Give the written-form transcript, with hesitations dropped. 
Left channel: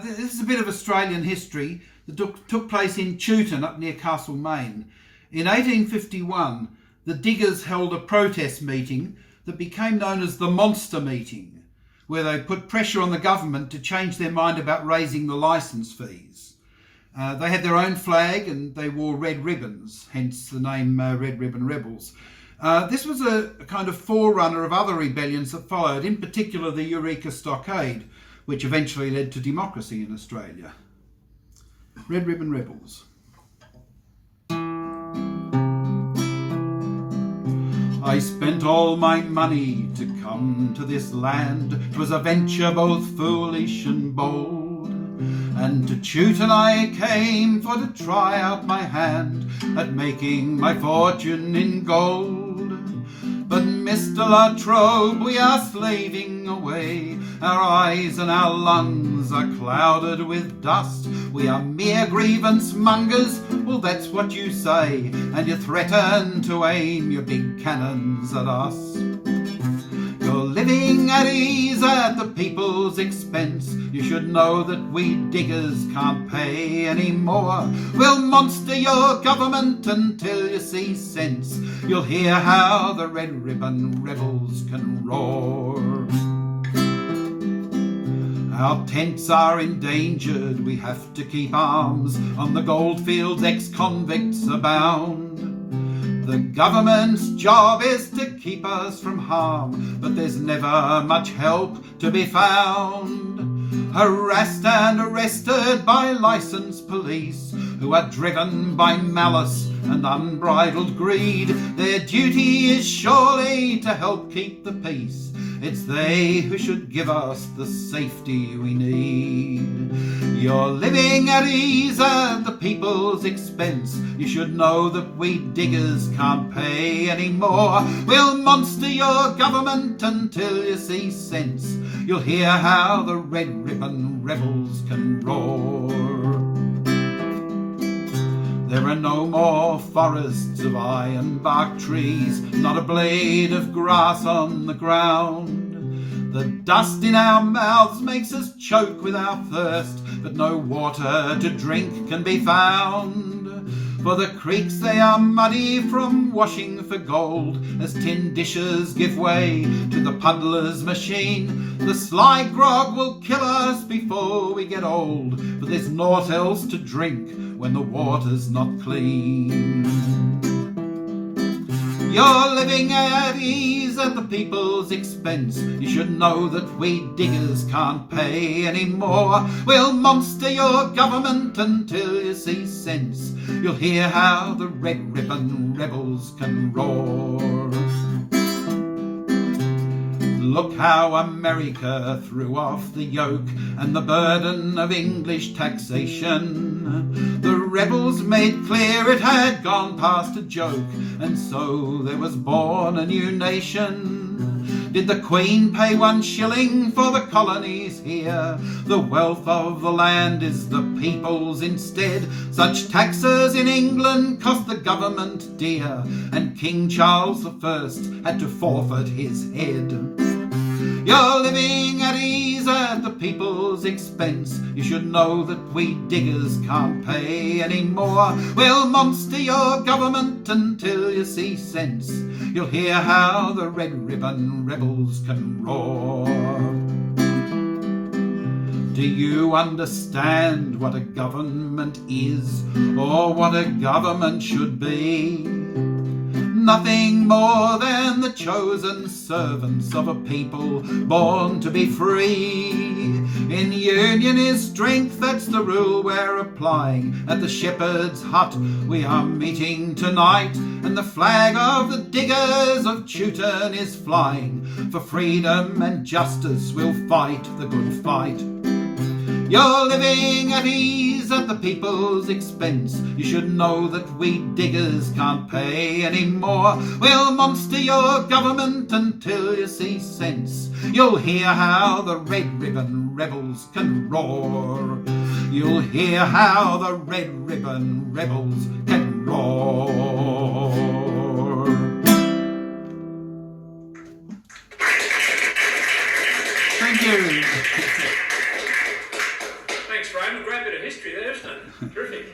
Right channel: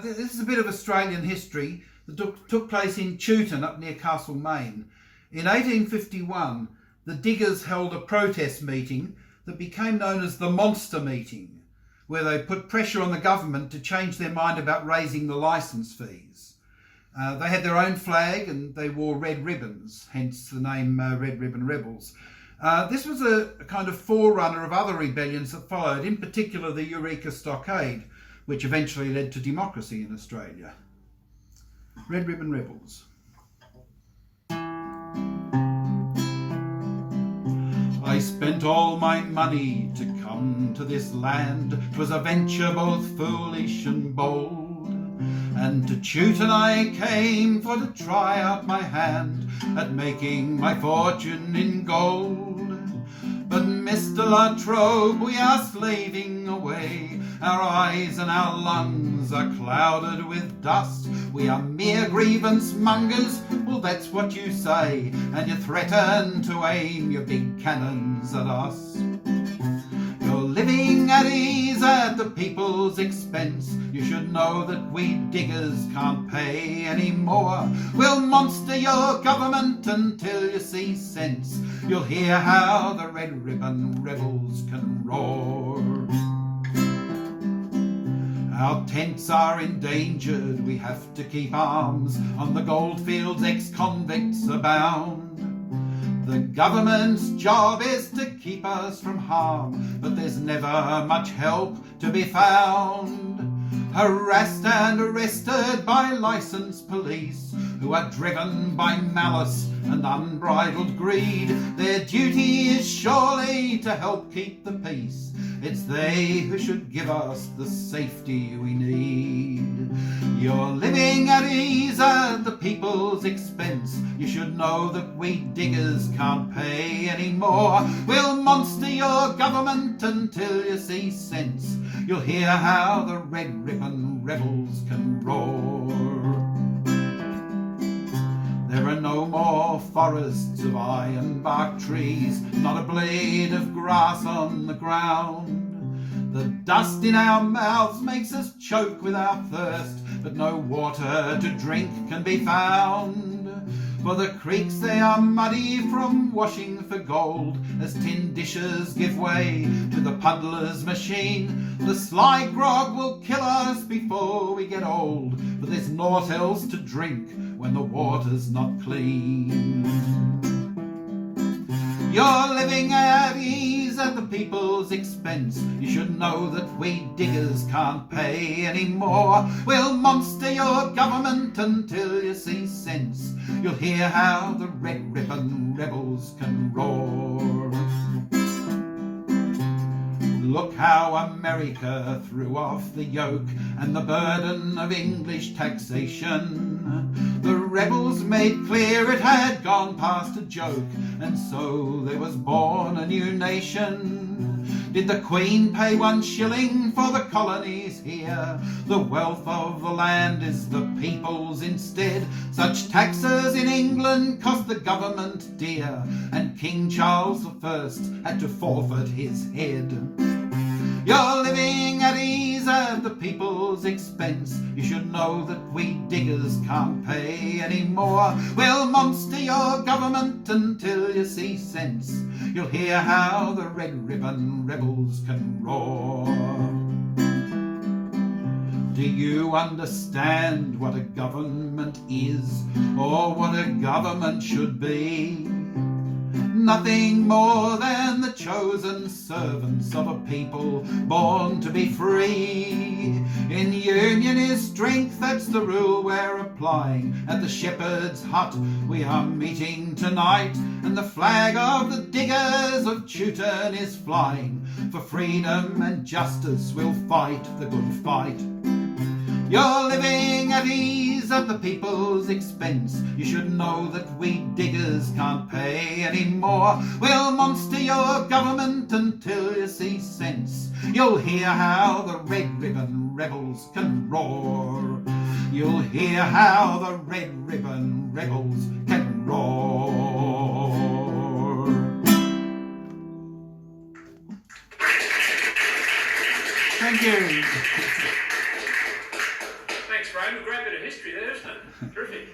This is a bit of Australian history that took place in Chewton up near Castlemaine. In 1851, the diggers held a protest meeting that became known as the Monster Meeting, where they put pressure on the government to change their mind about raising the licence fees. They had their own flag and they wore red ribbons, hence the name Red Ribbon Rebels. This was a kind of forerunner of other rebellions that followed, in particular the Eureka Stockade, which eventually led to democracy in Australia. Red Ribbon Rebels. I spent all my money to come to this land. 'Twas a venture both foolish and bold. And to Chewton I came for to try out my hand at making my fortune in gold. But Mr. La Trobe, we are slaving away. Our eyes and our lungs are clouded with dust. We are mere grievance mongers, well that's what you say, and you threaten to aim your big cannons at us. You're living at ease at the people's expense. You should know that we diggers can't pay any more. We'll monster your government until you see sense. You'll hear how the Red Ribbon Rebels can roar. Our tents are endangered, we have to keep arms. On the goldfields ex-convicts abound. The government's job is to keep us from harm, but there's never much help to be found. Harassed and arrested by licensed police who are driven by malice and unbridled greed. Their duty is surely to help keep the peace. It's they who should give us the safety we need. You're living at ease at the people's expense. You should know that we diggers can't pay any more. We'll monster your government until you see sense. You'll hear how the Red Ribbon Rebels can roar. There are no more forests of iron-bark trees, not a blade of grass on the ground. The dust in our mouths makes us choke with our thirst, but no water to drink can be found. For the creeks they are muddy from washing for gold, as tin dishes give way to the puddler's machine. The sly grog will kill us before we get old, for there's naught else to drink when the water's not clean. You're living at ease at the people's expense. You should know that we diggers can't pay any more. We'll monster your government until you see sense. You'll hear how the Red Ribbon Rebels can roar. Look how America threw off the yoke and the burden of English taxation. The rebels made clear it had gone past a joke, and so there was born a new nation. Did the Queen pay 1 shilling for the colonies here? The wealth of the land is the people's instead. Such taxes in England cost the government dear, and King Charles I had to forfeit his head. You're living at ease at the people's expense. You should know that we diggers can't pay any more. We'll monster your government until you see sense. You'll hear how the Red Ribbon Rebels can roar. Do you understand what a government is, or what a government should be? Nothing more than the chosen servants of a people born to be free. In union is strength, that's the rule we're applying. At the shepherd's hut we are meeting tonight, and the flag of the diggers of Chewton is flying. For freedom and justice we'll fight the good fight. You're living at ease at the people's expense. You should know that we diggers can't pay any more. We'll monster your government until you see sense. You'll hear how the Red Ribbon Rebels can roar. You'll hear how the Red Ribbon Rebels can roar. Thank you. Thanks, Graham. A great bit of history there, isn't it? Terrific.